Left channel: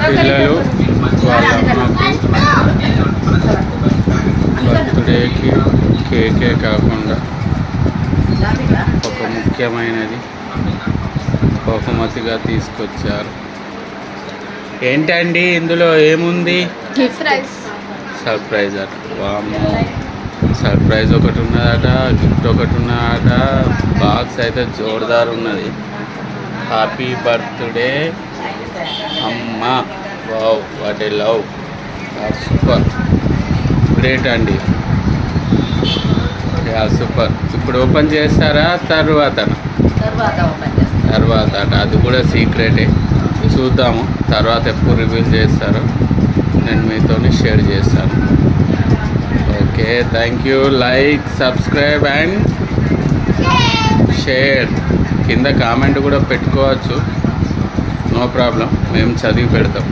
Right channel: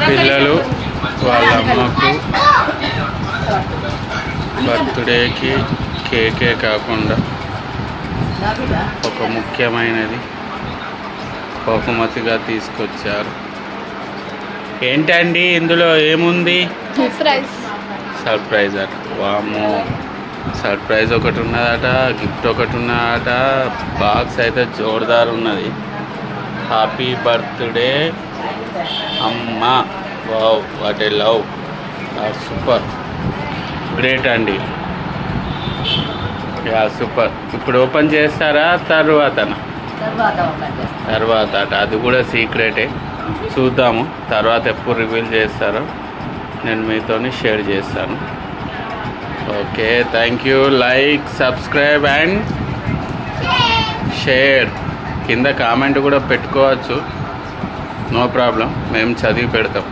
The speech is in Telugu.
పిల్లలు వాళ్ళ అమ్మకు బర్త్డేకి కేకే కాకుండా ఒక ముఖ్యమైనది బహుమతిగా తీసుకొచ్చారు. ఏంటండి ఇందులో ఏముంది? సర్ప్రైజ్ అట. వామో సర్ప్రైజ్ ఒకటి ఉన్నదట గిఫ్ట్ ఒకటి ఉన్నదట బాక్స్ అయితే జోర్దార్ ఉన్నది హ్యాపీ బర్త్డే అమ్మ. Wow what a love super great అండి. యా సూపర్ ఇప్పుడు ఓపెన్ చేస్తారా? తర్వాత అట. అది కూడా సీక్రెటే చూద్దాము. తర్వాత ఎప్పుడు రివీల్ చేస్తారో నేను మీతో షేర్ చేస్తాను. Okay thank you like subscribe and share కింద కామెంట్ కూడా పెట్టుకోవచ్చు. No problem. మేము చదివి పెడతాం.